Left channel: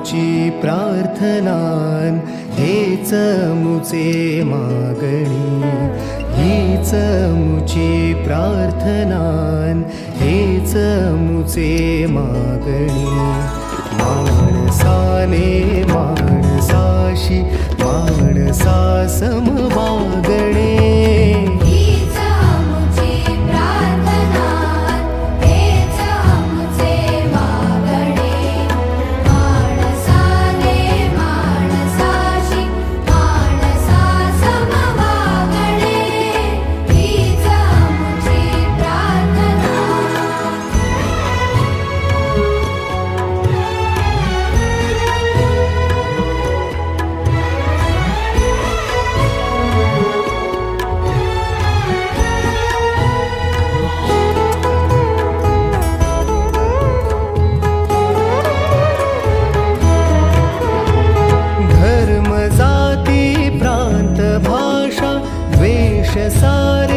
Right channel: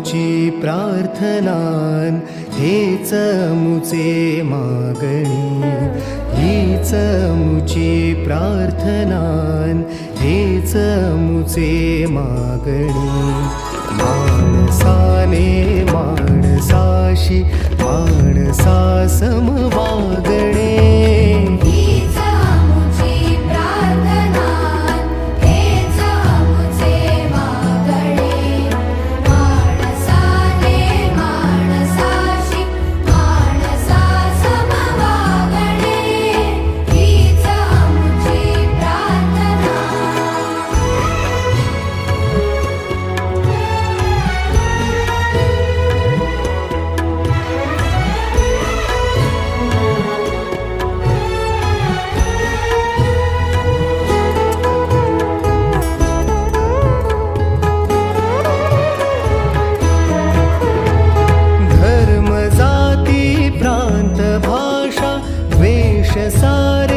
मुची प्रार्थनान हेच मुचे मागणी हीच मुची प्रार्थनान हेच मुचे मागणी माणसाने माणसाशी माणसा सम वागणे जाती प्रांत भाषा वेश सार